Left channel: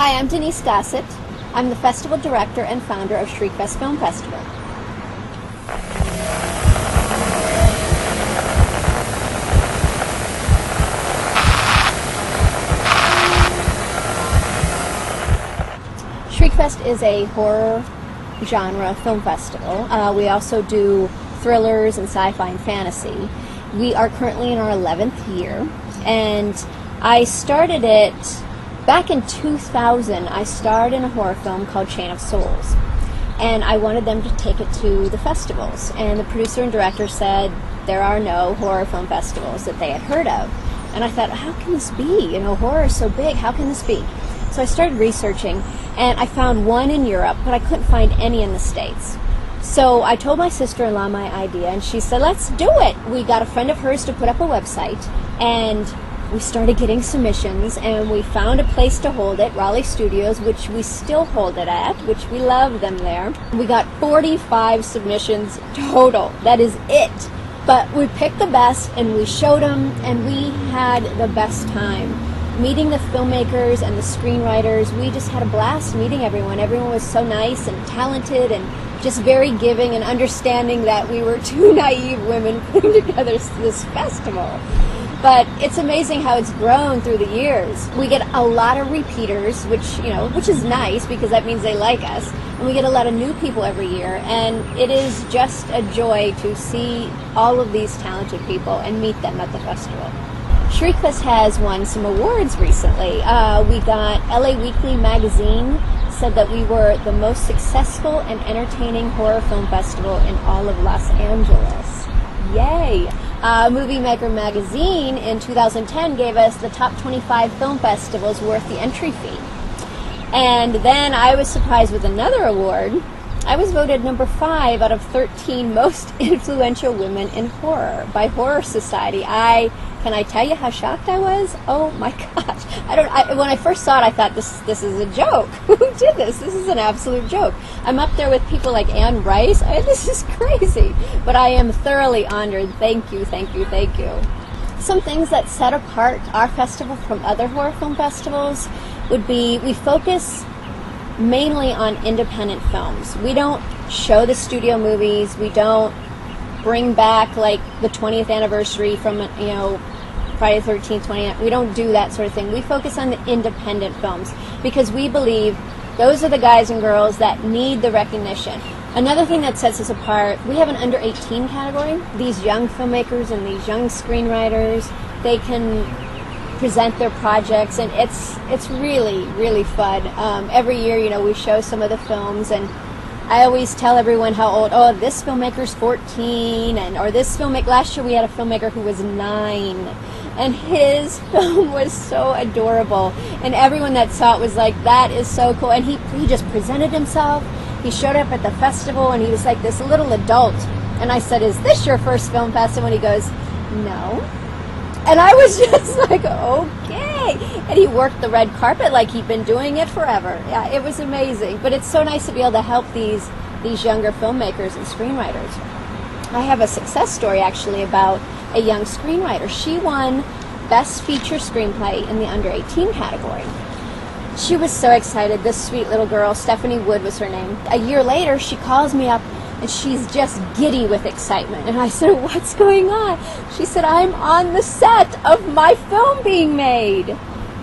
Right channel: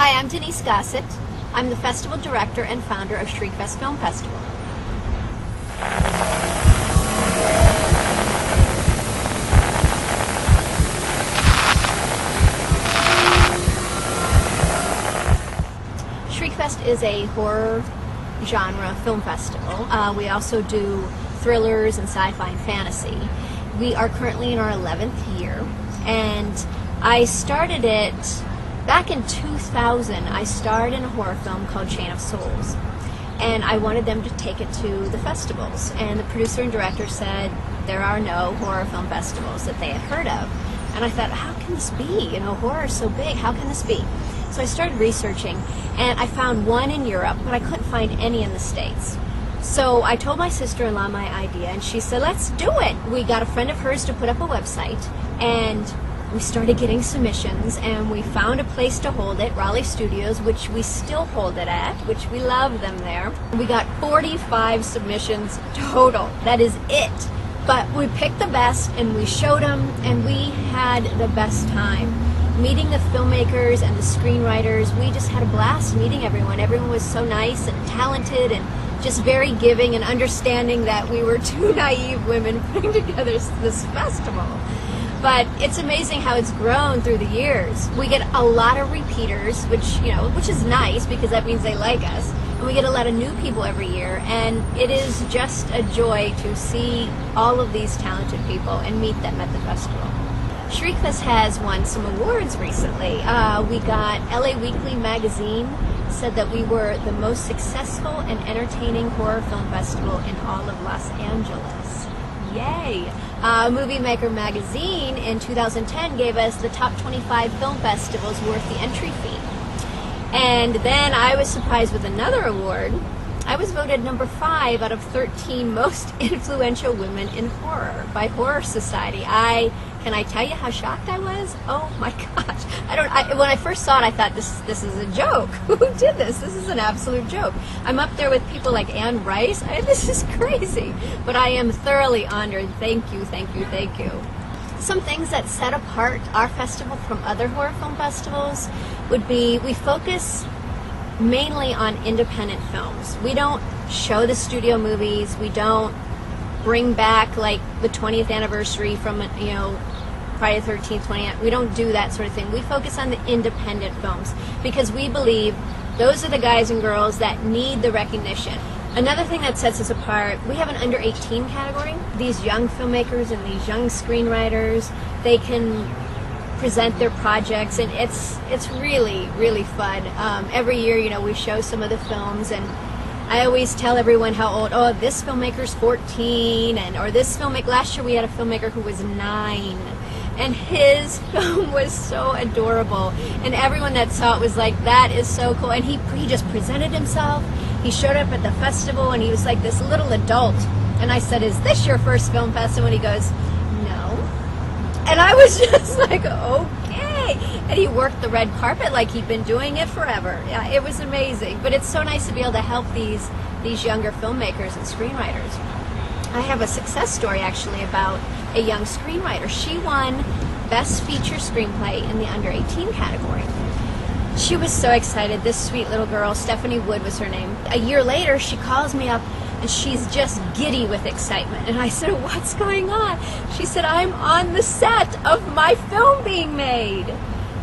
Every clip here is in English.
Hi, I'm Denise Gossett. I'm the festival director and founder of Shriekfest Film Festival. Shriekfest is a horror genre film festival. We also do thrillers and sci-fi and fantasy. We are currently in our 11th year, and I started it back in 2000. I starred in a horror film called Chain of Souls, and I wanted them to take it to the festivals, and the producer and director said there are no horror film festivals that they had heard of. And I thought, how can this be? Horror is so big, how can this be? So I started researching, and I found one in Europe, but I couldn't find any in the States. So I told my sister-in-law my idea, and she said, let's do it. We got a friend of hers to put up a website, and we started getting submissions, and we found a place to hold it, Raleigh Studios, which we still hold it at, which we love them there. We got 45 submissions total. That is it. But we picked the best, and we showed them, and we had the best time. Meeting the filmmakers and the screenwriters, we just had a blast meeting everyone. Everyone was so nice and talented and just very giving and understanding that we were two naive women putting together this festival. But it's amazing how it's grown through the years. We get a lot of repeaters, which is nice because that means they like us. And we get a lot of new people every year, and it is just a joy to see all of these talented people and meet them at the festival. Shriekfest has won some awards recently. We got LA Weekly magazine said that we were the most successful and entertaining horror film festival in all of Los Angeles. Yay! Movie Maker magazine in 2010 gave us the top 25 film festivals worth the entry fee. And then I was surprised with another award. I was voted number 5 out of 13 most influential women in horror by Horror Society. Can I tell you how shocked I was? Oh my gosh. When I first saw it, I thought, this is a joke. Who did this? This is an absolute joke. I'm up there with people like Anne Rice. This is crazy. But I am thoroughly honored. Thank you, thank you, thank you. Some things that set apart our festival from other horror film festivals would be we focus mainly on independent films. We don't show the studio movies. We don't bring back like the 20th anniversary from Friday the 13th, 20th. We don't do that sort of thing. We focus on the independent films because we believe those are the guys and girls that need the recognition. Another thing that sets us apart, we have an under 18 category. These young filmmakers and these young screenwriters, they can present their projects, and it's really, really fun. Every year, we show some of the films, and I always tell everyone how old, this filmmaker's 14, or this filmmaker, last year we had a filmmaker who was 9, and his film was so adorable, and everyone that saw it was like, that is so cool, and he just presented himself. He showed up at the festival, and he was like this little adult, and I said, is this your first film festival? And he goes, no. And I was just like, okay. And he worked the red carpet like he'd been doing it forever. Yeah, it was amazing. But it's so nice to be able to help these younger filmmakers and screenwriters. I have a success story, actually, about a young screenwriter. She won Best Feature Screenplay in the under 18 category. She was so excited. This sweet little girl, Stephanie Wood was her name. A year later, she calls me up, and she's just giddy with excitement. And I said, what's going on? She said, I'm on the set of my film being made.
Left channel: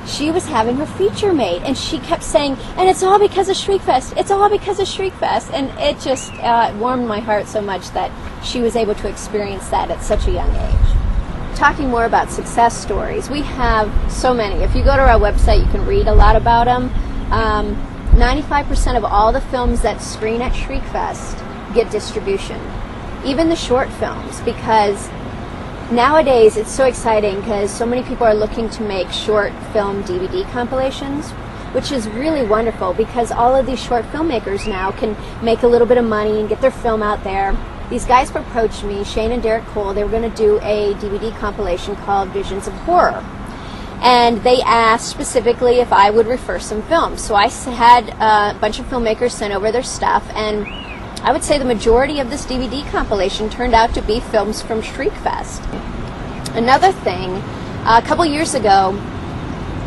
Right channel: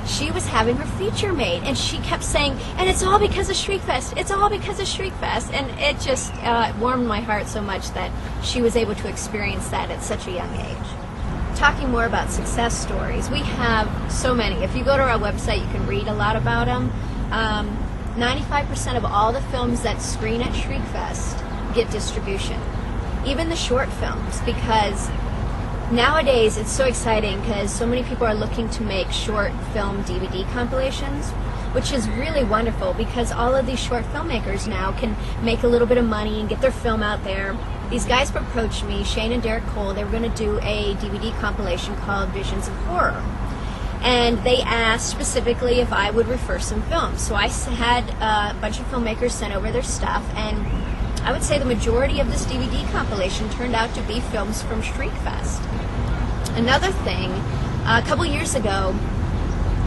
She was having her feature made, and she kept saying, and it's all because of Shriekfest. It's all because of Shriekfest. And it just warmed my heart so much that she was able to experience that at such a young age. Talking more about success stories, we have so many. If you go to our website, you can read a lot about them. 95% of all the films that screen at Shriekfest get distribution, even the short films, because nowadays it's so exciting because so many people are looking to make short film DVD compilations, which is really wonderful because all of these short filmmakers now can make a little bit of money and get their film out there. These guys approached me, Shane and Derek Cole. They were going to do a DVD compilation called Visions of Horror. And they asked specifically if I would refer some films. So I had a bunch of filmmakers send over their stuff, and I would say the majority of this DVD compilation turned out to be films from Shriekfest. Another thing, a couple years ago,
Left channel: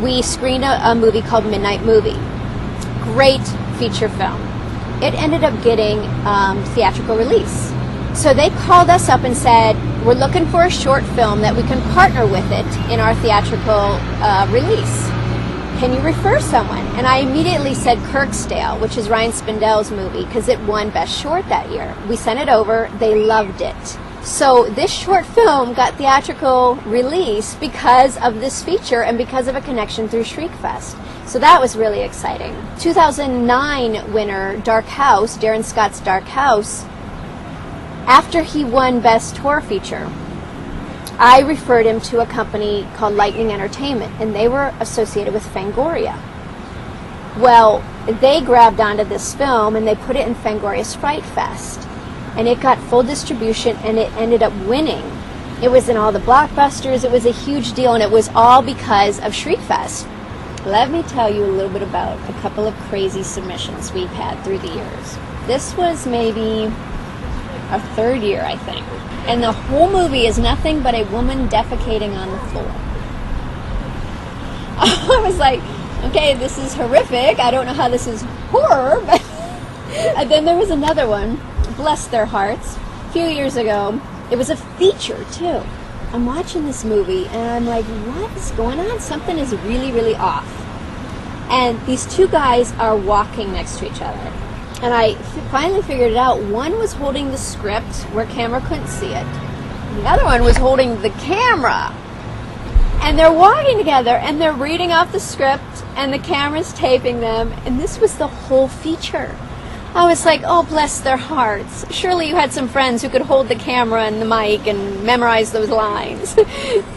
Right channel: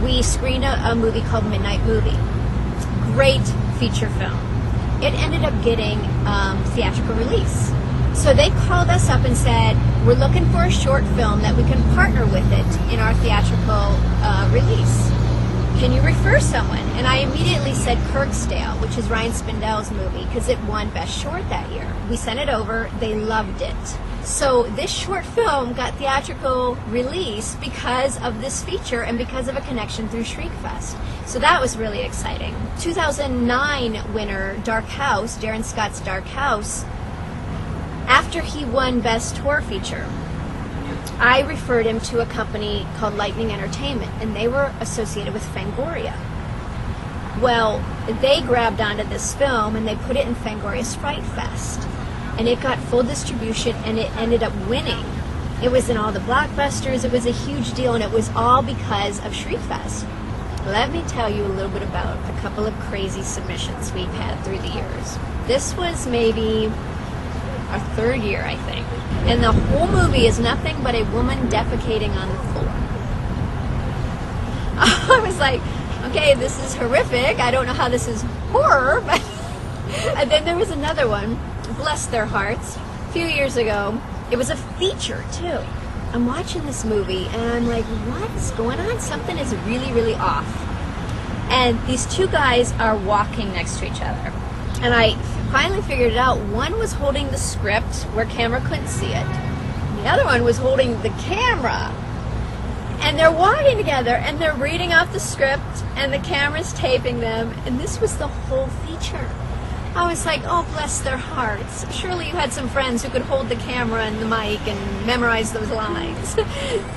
we screened a movie called Midnight Movie. great feature film. It ended up getting theatrical release. So they called us up and said, we're looking for a short film that we can partner with it in our theatrical release. Can you refer someone? And I immediately said Kirkstale, which is Ryan Spindell's movie, because it won Best Short that year. We sent it over. They loved it. So this short film got theatrical release because of this feature and because of a connection through Shriekfest. So that was really exciting. 2009 winner, Dark House, Darren Scott's Dark House, after he won Best Horror Feature, I referred him to a company called Lightning Entertainment, and they were associated with Fangoria. Well, they grabbed onto this film and they put it in Fangoria's Fright Fest, and it got full distribution and it ended up winning. It was in all the blockbusters. It was a huge deal, and it was all because of Shriekfest. Let me tell you a little bit about a couple of crazy submissions we've had through the years. This was maybe our third year, I think. And the whole movie is nothing but a woman defecating on the floor. I was like, okay, this is horrific. I don't know how this is horror, but and then there was another one, bless their hearts, a few years ago. It was a feature, too. I'm watching this movie, and I'm like, what's going on? Something is really, really off. And these two guys are walking next to each other. And I finally figured it out. One was holding the script where camera couldn't see it. The other one was holding the camera. And they're walking together, and they're reading off the script, and the camera's taping them. And this was the whole feature. I was like, oh, bless their hearts. Surely you had some friends who could hold the camera and the mic and memorize those lines.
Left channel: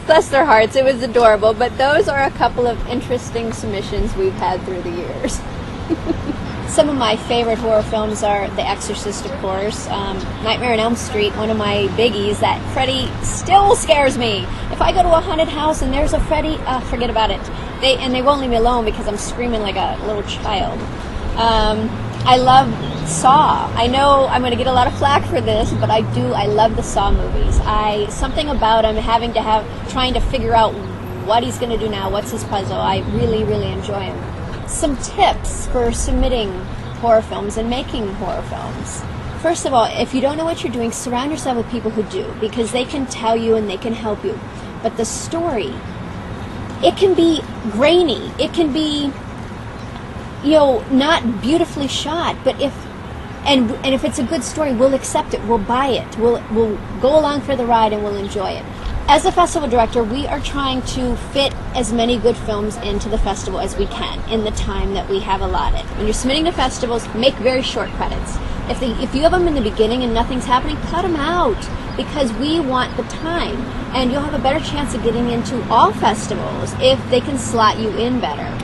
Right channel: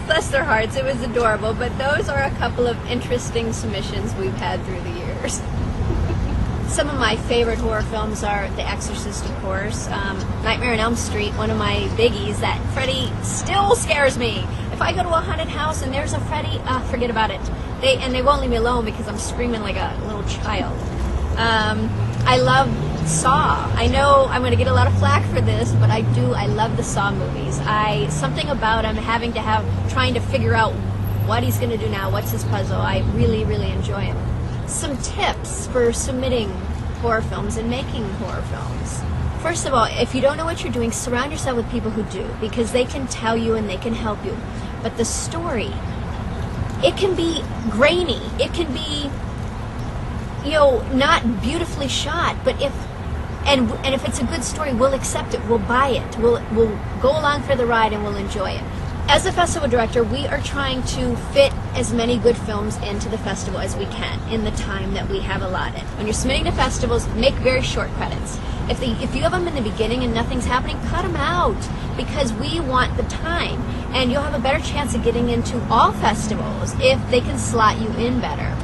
Bless their hearts. It was adorable. But those are a couple of interesting submissions we've had through the years. Some of my favorite horror films are The Exorcist, of course, Nightmare on Elm Street, one of my biggies. That Freddy still scares me. If I go to a haunted house and there's a Freddy, forget about it. They won't leave me alone because I'm screaming like a little child. I love Saw. I know I'm going to get a lot of flack for this, but I love the Saw movies. Something about him trying to figure out what he's going to do now, what's his puzzle. I really, really enjoy him. Some tips for submitting horror films and making horror films. First of all, if you don't know what you're doing, surround yourself with people who do, because they can tell you and they can help you. But the story, it can be grainy. It can be, not beautifully shot, but if it's a good story, we'll accept it, we'll buy it, we'll go along for the ride and we'll enjoy it. As a festival director, we are trying to fit as many good films into the festival as we can in the time that we have allotted. When you're submitting to festivals, make very short credits. If you have them in the beginning and nothing's happening, cut them out, because we want the time. And you'll have a better chance of getting into all festivals if they can slot you in better.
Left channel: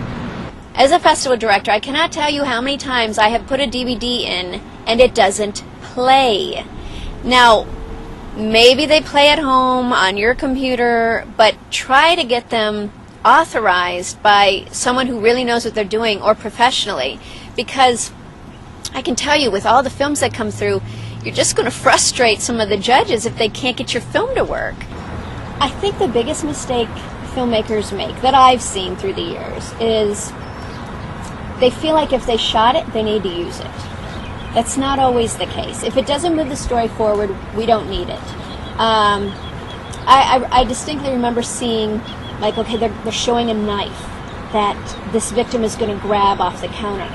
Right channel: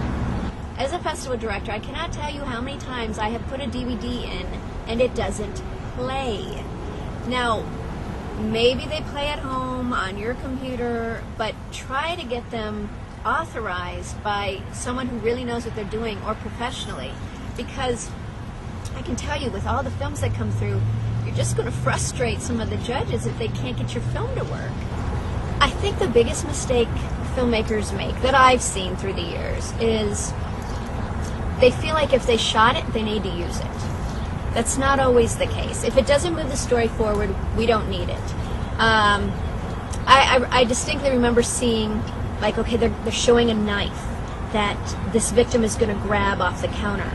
As a festival director, I cannot tell you how many times I have put a DVD in and it doesn't play. Now, maybe they play at home on your computer, but try to get them authorized by someone who really knows what they're doing, or professionally, because I can tell you, with all the films that come through, you're just going to frustrate some of the judges if they can't get your film to work. I think the biggest mistake filmmakers make that I've seen through the years is they feel like if they shot it, they need to use it. That's not always the case. If it doesn't move the story forward, we don't need it. I distinctly remember seeing, they're showing a knife that this victim is going to grab off the counter.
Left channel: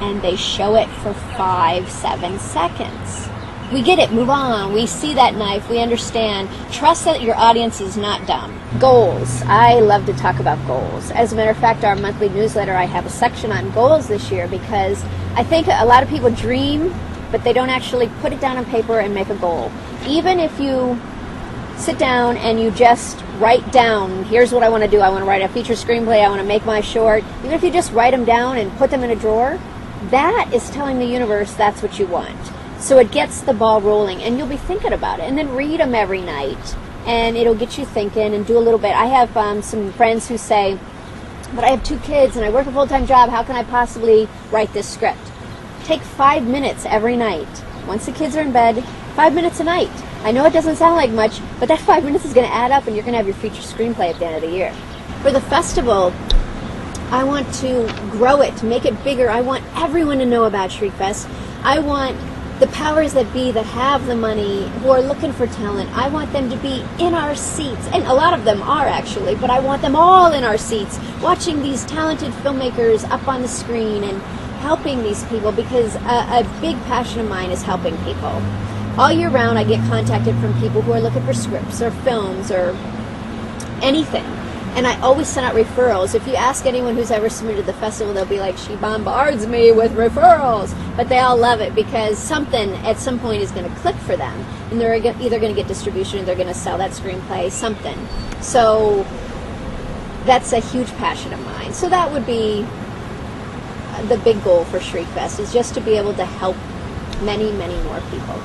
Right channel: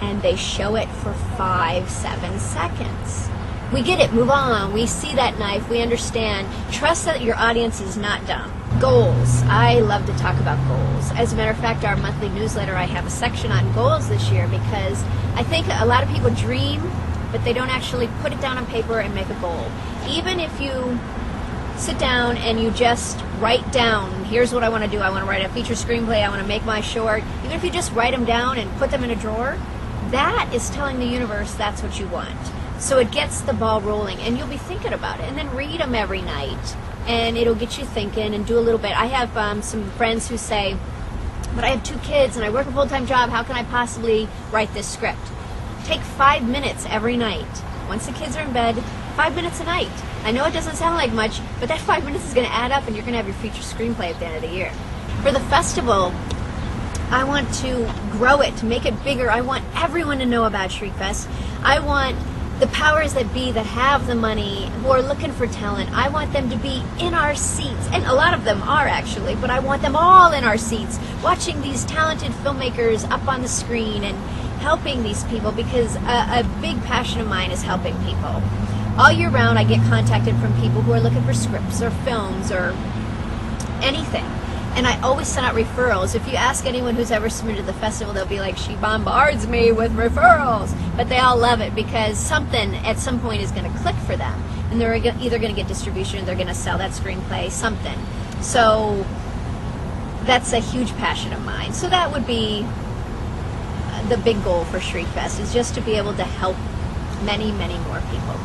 And they show it for 5-7 seconds. We get it, move on. We see that knife, we understand. Trust that your audience is not dumb. Goals. I love to talk about goals. As a matter of fact, our monthly newsletter, I have a section on goals this year, because I think a lot of people dream, but they don't actually put it down on paper and make a goal. Even if you sit down and you just write down, here's what I want to do. I want to write a feature screenplay. I want to make my short. Even if you just write them down and put them in a drawer, that is telling the universe that's what you want. So it gets the ball rolling, and you'll be thinking about it. And then read them every night, and it'll get you thinking, and do a little bit. I have some friends who say, but I have 2 kids and I work a full-time job. How can I possibly write this script? Take 5 minutes every night. Once the kids are in bed, 5 minutes a night. I know it doesn't sound like much, but that 5 minutes is going to add up, and you're going to have your feature screenplay at the end of the year. For the festival, I want to grow it, to make it bigger. I want everyone to know about Shriekfest. I want the powers that be that have the money who are looking for talent, I want them to be in our seats, and a lot of them are actually, but I want them all in our seats, watching these talented filmmakers up on the screen and helping these people, because a big passion of mine is helping people. All year round I get contacted from people who are looking for scripts or films or anything. And I always send out referrals. If you ask anyone who's ever submitted to the festival, they'll be like, she bombards me with referrals. But they all love it because something at some point is going to click for them. And they're either going to get distribution, or they're going to sell that screenplay, something. So that's a huge passion of mine. So that would be the big goal for Shriekfest, is just to be able to help many, many more people.